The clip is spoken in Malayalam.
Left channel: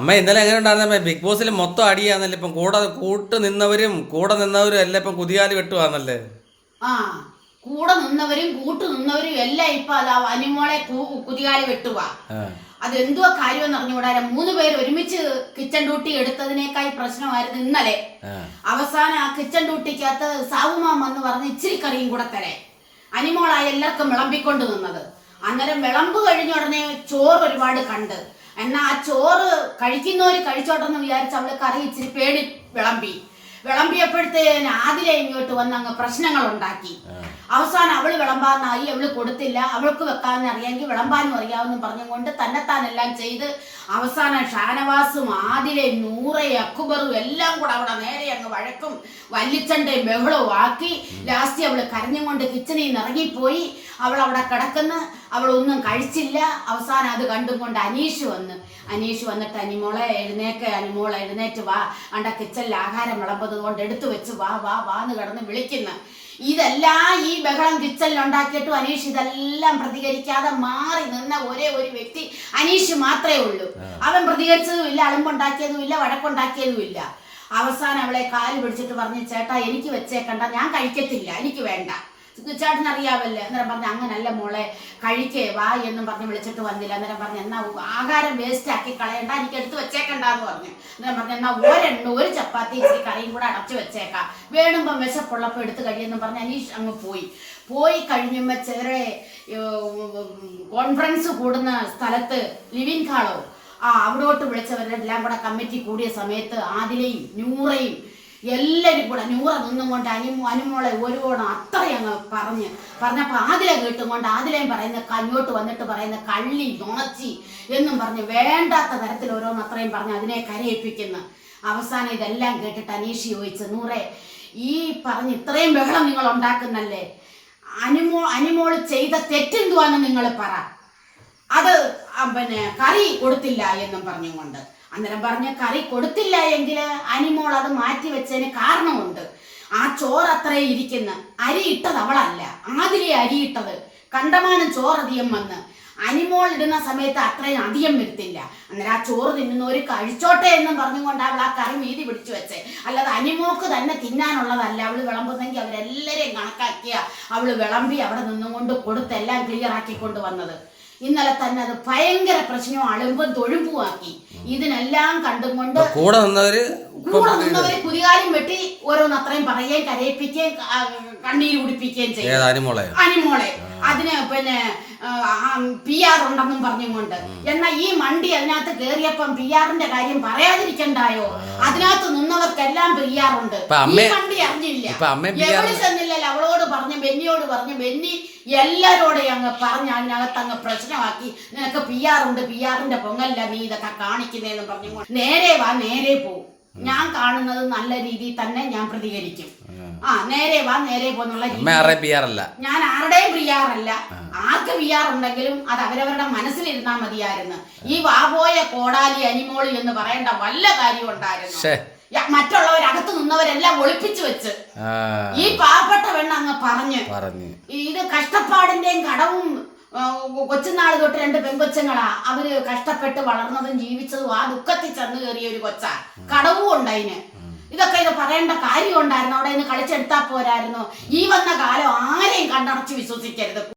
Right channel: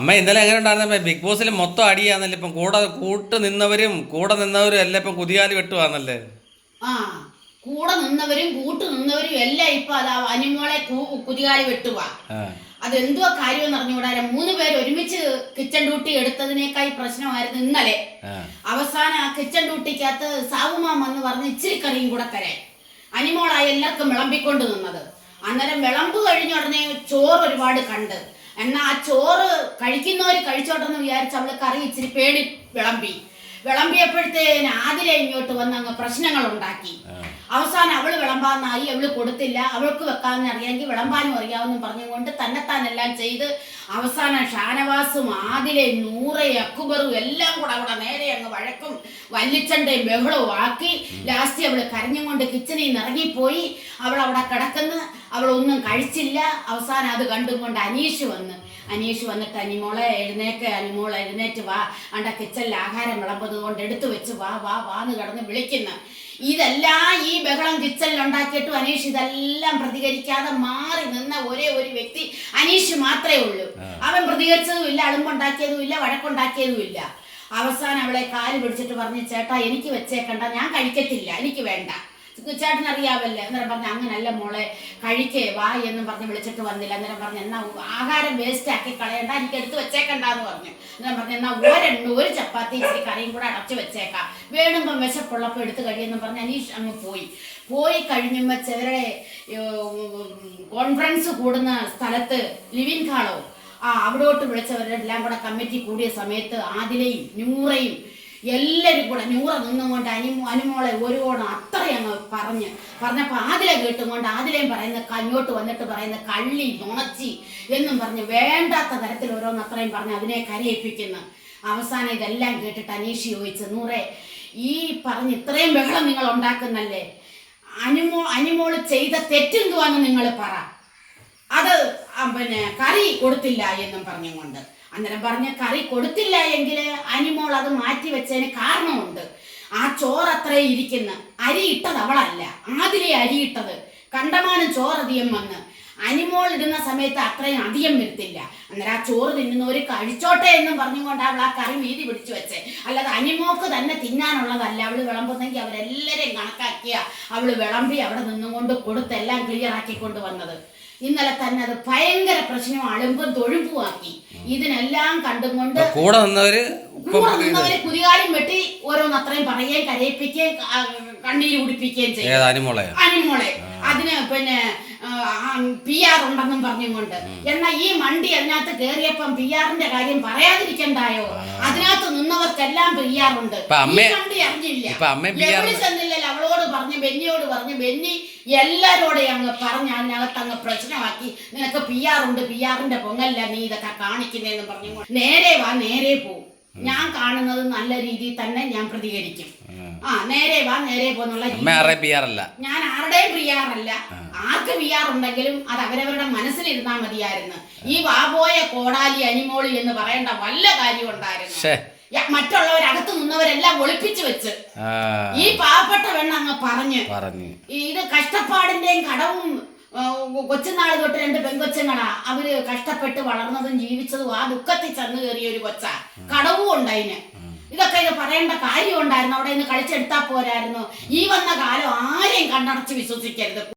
അമ്മ ഇന്നലെ എങ്ങനെ ഉണ്ടായിരുന്നമ്മ ബിഗ് ബോസിൽ മൊത്തം അടിയാന്നല്ലേ ഇപ്പം കൂടെ കൂട്ട് നിന്നവരും കൂടെ നിന്നവരും എല്ലാം ഇപ്പം കുതിയാലി വെട്ടുവാന്നല്ലേ? ആ കൂടെ നിന്നവരും കൂട്ടു നിന്നവരും എല്ലാം ഇപ്പൊ അതാ അനിമോളെ കുതികാലി വെട്ടുക ആ. അതെന്തുവാ കാര്യം അറിഞ്ഞുകൂടാ മൂന്ന് പേര് ഒരുമിച്ച് കിച്ചൺ ഡ്യൂട്ടി എടുത്തതിനേക്കായി പ്രശ്നമായിരുന്നു ഇന്നലെ. അവസാനം ആ കിച്ചൺ ഡ്യൂട്ടിക്കകത്ത് സാവുമാൻ വന്ന് പറഞ്ഞ് ഇച്ചിരി കറിയും കൂടെ തരേ അനിമോളായി എല്ലാവർക്കും വിളമ്പിക്കൊണ്ട് നിന്നത്. അന്നേരം വിളമ്പ് കഴിഞ്ഞ ഉടനെ ചോറ് ഒരുപാട് കണ്ട്. എന്നാ ആ ചോറ് കഴിക്കുന്നവര് കഴിച്ചോട്ടെന്ന് വിചാരിച്ച് അവൾ കറി ഇച്ചിരി പേടി വിളമ്പി. വിളമ്പിയപ്പോഴത്തേന് ആതിരെ ഇങ്ങോട്ട് വന്ന് അങ്ങ് പ്രശ്നങ്ങൾ ഉണ്ടാക്കി അവസാനം അവൾ വിളമ്പാന്നായി അവൾ കൊടുത്തില്ല. അവൾക്ക് വെക്കാന്ന് അറിയാമെങ്കിൽ വിളമ്പാനും അറിയാമെന്നും പറഞ്ഞുകൊണ്ട് തന്നെത്താനെല്ലാം ചെയ്ത് അവസാനം ഷാനവാസും ആദിലെ നൂറെ അക്കുബറും എല്ലാം കൂടെ അവിടെ നേരെ അങ്ങ് വഴക്കും വല്ലിച്ചണ്ടയും ബഹളവും ആക്കി. ലാസ്റ്റ് അവൾ കരഞ്ഞും കൊണ്ട് കിച്ചണിൽ നിന്ന് ഇറങ്ങിപ്പോയി. അവൾ അവിടെ കിടക്കുന്ന. അവൾ ഒന്നും കഴിച്ചില്ല. അവസാനം അത് കണ്ടും കൊണ്ട് അനീഷ് വന്ന്. അനീഷ് വന്നിട്ട് അനിമോളെ എഴുന്നേക്ക്. അനിമോളെ എഴുന്നേറ്റ് വാ. അണ്ട കിച്ചണിൽ ആഹാരം വിളമ്പത് കൊണ്ട് എടുത്തു വെച്ച് വാ വാ വാ എന്ന് കിടന്ന് വിളിക്കുന്നു. ഇതെല്ലാം ഈ ബഹളം കിച്ചണിൽ ഉണ്ടാക്കിയിട്ടും അനീഷ് ഇതെല്ലാം പ്രതികരിക്കാതെ മാറി നിന്ന ഒരേ ഒരു വ്യക്തി അനീഷ് മാത്രമേ ഉള്ളൂ. അവൻ പ്രതികരിച്ചതും ഇല്ല അളുമ്പുണ്ടാക്കിയതും ഇല്ല വഴക്കുണ്ടാക്കിയതും ഇല്ല. അവസാനം അവളെ കാൽ പിടിച്ചിട്ട് പറഞ്ഞു ചേട്ടാ എനിക്ക് വെച്ചേക്കണ്ട ഞാൻ കഴിക്കത്തില്ല എനിക്ക് വേണ്ട. ചേട്ടൻ അറിയാവല്ലേ? അന്നേരം പറഞ്ഞു അങ്ങനല്ല മോളെ കഴിക്കേ വാ എന്നും പറഞ്ഞ് വിളിച്ചിട്ട് വന്നില്ല. അന്നേരം പറഞ്ഞു എന്നാ ആഹാരം വേസ്റ്റ് ആക്കി കളയണ്ട എനിക്ക് എടുത്ത് വെച്ചേക്കണ്ട എന്ന് പറഞ്ഞു. അന്നേരം പറഞ്ഞു എന്നാ ഒരെണ്ണ ഒരു ചപ്പാത്തി ഇച്ചിരി കറിയും കൂടെ അടച്ചു വെച്ചേക്കാം. വേണുമ്പം വിശപ്പുള്ളപ്പോൾ എടുത്ത് കഴിയെന്നും പറഞ്ഞ് അനീഷ് അങ്ങ് പോയി. പോയി കഴിയുമ്പോൾ ചേരെ കോൺഫറൻസ് കൂടുന്ന സ്ഥലത്ത് ലിവിൻ ഹാളോ ആ അവിടോട്ട് വിളിച്ചവരെല്ലാം കൂടെ കമ്മിറ്റി കൂടിയ സമയത്ത് ആദിലയും നൂറയും എല്ലാവരും കൂടെ നൂറ നിന്നുകൊണ്ട് അനിമോ അനുമോളെ ഒരുവോണം അത്രയും അങ്ങ് പറഞ്ഞ് പറഞ്ഞപ്പോൾ ആദിലെ കേട്ടുകൊണ്ട് ആദിലയും പറയുന്ന കഞ്ഞോട്ട് വന്നിട്ട് പറയുന്ന കള്ളി നുണച്ചി എന്നും പറഞ്ഞ് വേണ്ടാത്ത തരത്തിൽ ഓരോന്ന് അത്രയും പറഞ്ഞ് അതിനെ കരയിപ്പിക്കുന്നു. അവസാനം ഇതെല്ലാം കേട്ടിട്ട് അനീഷ് ചോദിച്ചു നൂറെ ഈ പറഞ്ഞ് ഇത്രയും ബഹളം നിങ്ങൾ ഉണ്ടാക്കുന്നല്ലേ? അനുമോ അനുമോൾ ചെയ്ത തെറ്റെന്തുവാന്ന് നിങ്ങൾ പറ. അത് പിന്നെ കറി കൊടുത്തില്ല എന്നും പറഞ്ഞുകൊണ്ട്. അന്നേരം പറഞ്ഞ കറി കൊടുത്തില്ല എങ്കിൽ അനിമോൾ അത് മാറ്റി വെച്ചതിന് കാരണമുണ്ട്. ആ ചോറ് അത്രേ ഇരിക്കുന്ന. അരി ഇട്ടത് അവളല്ല. ആതിരെ അരി ഇട്ടത്. കണ്ടമാനം ചോറ് അധികം വന്ന്. അനിമോൾ ഇടുന്ന സമയത്ത് അത്രയും അധികം വരുത്തില്ല. അന്നേരം ആ ചോറ് തിന്നുന്നവര് കഴിച്ചോട്ടെ എന്നും പറഞ്ഞുകൊണ്ട് അവൾ ആ കറി വീതി പിടിച്ചു വെച്ചേ. അല്ലാതെ അനിമോക്ക് തന്നെ തിന്നാനുള്ളതല്ല. അവൾ വിളമ്പുന്നെങ്കിൽ അവരെല്ലാരെയും കണക്കാക്കിയ അവൾ വിളമ്പി അവിടെ നിന്നുകൊണ്ട് കൊടുത്തെല്ലാം ക്ലിയർ ആക്കിക്കൊണ്ട് വന്നത്. ഇന്നലെ തന്നെ അത് ഭയങ്കര പ്രശ്നവും അളുമ്പും തൊഴുമ്പുമാക്കി ഇതിനെല്ലാം കണ്ടും കൊണ്ട് കൂടെ നിന്നവര് കൂടെ നിന്നവര് കുതികാലും വെട്ടി ഓരോന്ന് അത്രയും പറയുകയും കരയിപ്പിക്കുകയും കണ്ണീര് കുടിപ്പിക്കുകയും ചെയ്യും. അനിമോളെ? അതിന് പിന്നെ പി ആർ ഉണ്ടെന്നും പറഞ്ഞുകൊണ്ട്. എന്നാ ഈ മണ്ടി അതിനകത്ത് കേറിയപ്പം പി ആറിന്റെ കാര്യം പറയാതിരിക്കണ്ടായോ? അതിനകത്ത് നിന്നവർക്കെല്ലാം പി ആർ ഉണ്ട്. മണ്ടി അറിഞ്ഞില്ല. ചെന്നില്ലല്ലോ? അവളോട് പറഞ്ഞു ബെന്നിയോട് പറഞ്ഞു ബെന്നി എല്ലാരോടെയും അങ്ങ് പറഞ്ഞ് അതിനകത്ത് അങ്ങ് പ്രശ്നമാക്കി. നിനക്ക് പി ആർ ഉണ്ട് പി ആറിന്റെ പൊങ്ങല്ല നീ ഇതൊക്കെ കാണിക്കുന്നതെന്ന് പറഞ്ഞു നേരെ വാ നേരെ പോ. ഞാൻ കാണുന്നത് നല്ല രീതിയിൽ തന്നെ ഞാൻ പ്രതികരിക്കും. ആ. നേരെ വാ നേരെ പോന്നുള്ള ഞാൻ ആരുടെയും പ്രിയാറല്ല ആർക്ക് പ്രിയാർ ഉണ്ടെങ്കിലും അത് അവരവരുടെ മനസ്സിലിരുന്നാ മതിയായിരുന്നു. ഈ വാപോയ കോടാലി അനിമോളി എന്ന് പറയേണ്ട വല്ല കാര്യം ഉണ്ടായിരുന്നു. മറ്റുള്ളവരകത്ത് നിന്നവരെല്ലാം ഒളിപ്പിച്ചു വെച്ച് ഈ പാവപ്പെട്ട പെണ്ണ് അങ്ങ് പറഞ്ഞ്. പറഞ്ഞു. ഇത് കഷ്ടപ്പാടിന്റെയും കടവും കൊച്ചുനാൾ തൊട്ട് രണ്ട് പെൺകൊച്ചങ്ങളാ. അവർ കഷ്ടപ്പെട്ട് വളർന്നതും ജീവിച്ചതും ആ ദുഃഖത്തിൽ ചെന്ന് കയറിയ ഒരു കൊച്ചാ. കടവും ഉണ്ട് അതിന് ഇതൊക്കെ ഇത് പറയേണ്ട കാര്യം ഉണ്ടായിരുന്നു അവിടെ നിന്ന് കളിച്ചെടുത്താ പോരായിരുന്നു. ഈ വന്ന കാലം ആരെയും കണ്ടടച്ച് വിശ്വസിക്കരുത്.